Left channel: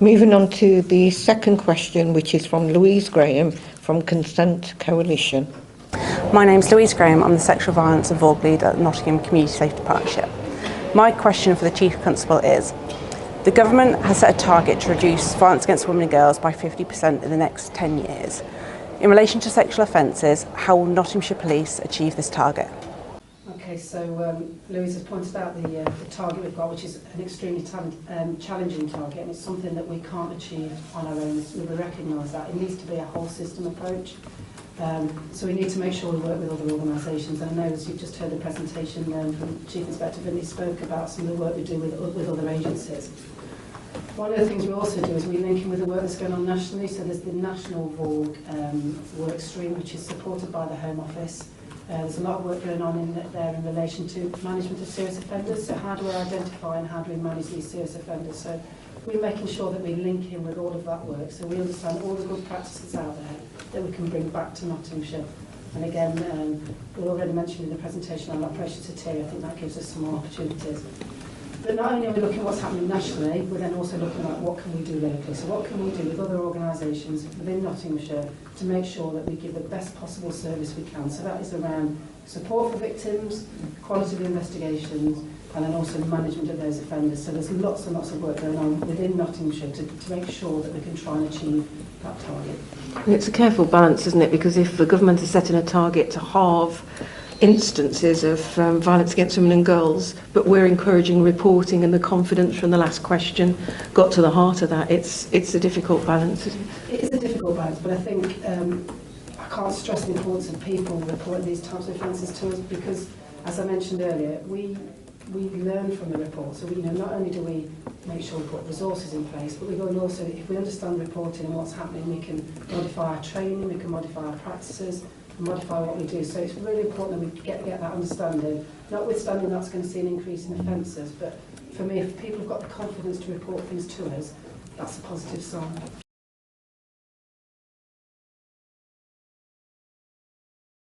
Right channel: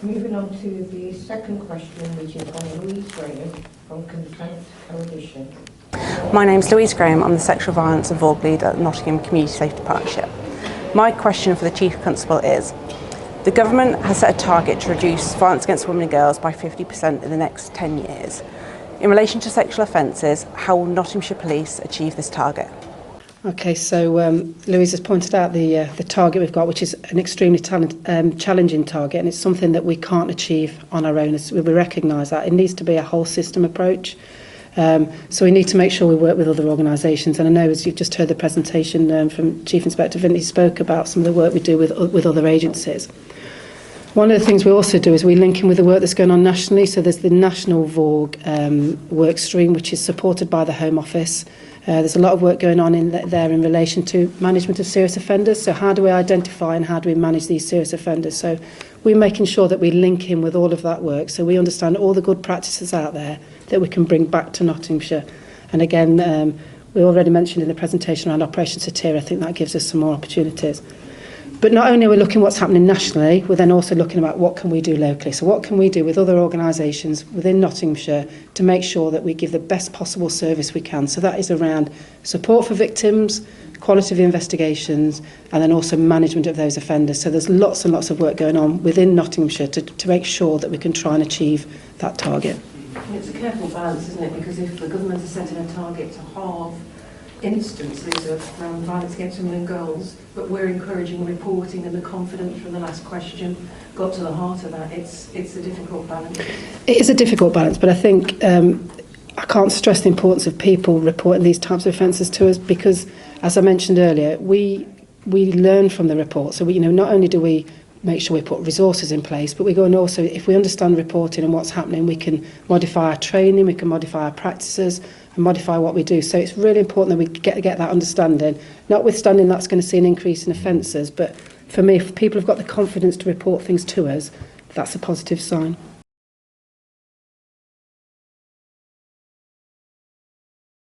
Moving on to the second question, which is from Louise Graham from Consent Coalition. My name's Louise Graham. I'm the Sexual Violence and Vulg Lead at Nottingham Community Safety Partnership. My question for the Chief Constable is, the government has set a target to reduce violence against women and girls by 50% in the next 10 years. In relation to sexual offences, how will Nottinghamshire Police achieve this target? Okay, so Louise has pointed out the target we've got, which is an extremely challenging target, and it's something that we can't achieve on our own. We recognise that. It needs to be a whole system approach. So we need to make sure we work with other organisations. And I know, as you've just heard the presentation from Chief Inspector Vinley spoke about some of the work we do with other agencies. One of the things we also do is we link in with the work that's going on nationally. So there's the National VORG work stream, which is supported by the Home Office. There's a lot of work going on there in relation to management of serious offenders. So how do we identify and how do we manage these serious offenders? So we're making sure that we link in with all of that work so we understand all the good practices out there that we can bring back to Nottinghamshire. And again, we already mentioned in the presentation around Operation Satire, I think that gives us some more opportunities. But not only are we looking at what's happening nationally, we're then also looking about what can we do locally. So what can we do with other organisations within Nottinghamshire to make sure that we give the best possible service we can. So that is around support for victims, quality of investigations, and then also management of those offenders. So there's lots and lots of work going on within Nottinghamshire to make sure that we can try and achieve that target. And it's a careful balance, isn't it? Because if the government is setting a target to halve instances of violence against women and girls, but we're encouraging reporting, and the confidence from the last question got to the heart of that. It's a difficult balance. It is a difficult balance, but I think I can't stress the importance of people reporting these types of offences to us, because, as I mentioned earlier, we learn from the report. So we, not only do we make sure we put resources in place, but we go and also, if we understand reporting and what's happening, we can modify our training, we can modify our practices, modify what we do. So it's really important that we get that understanding. Notwithstanding that's going to see an increase in offences, but for me, if people have got the confidence to report things to us, that's a positive sign.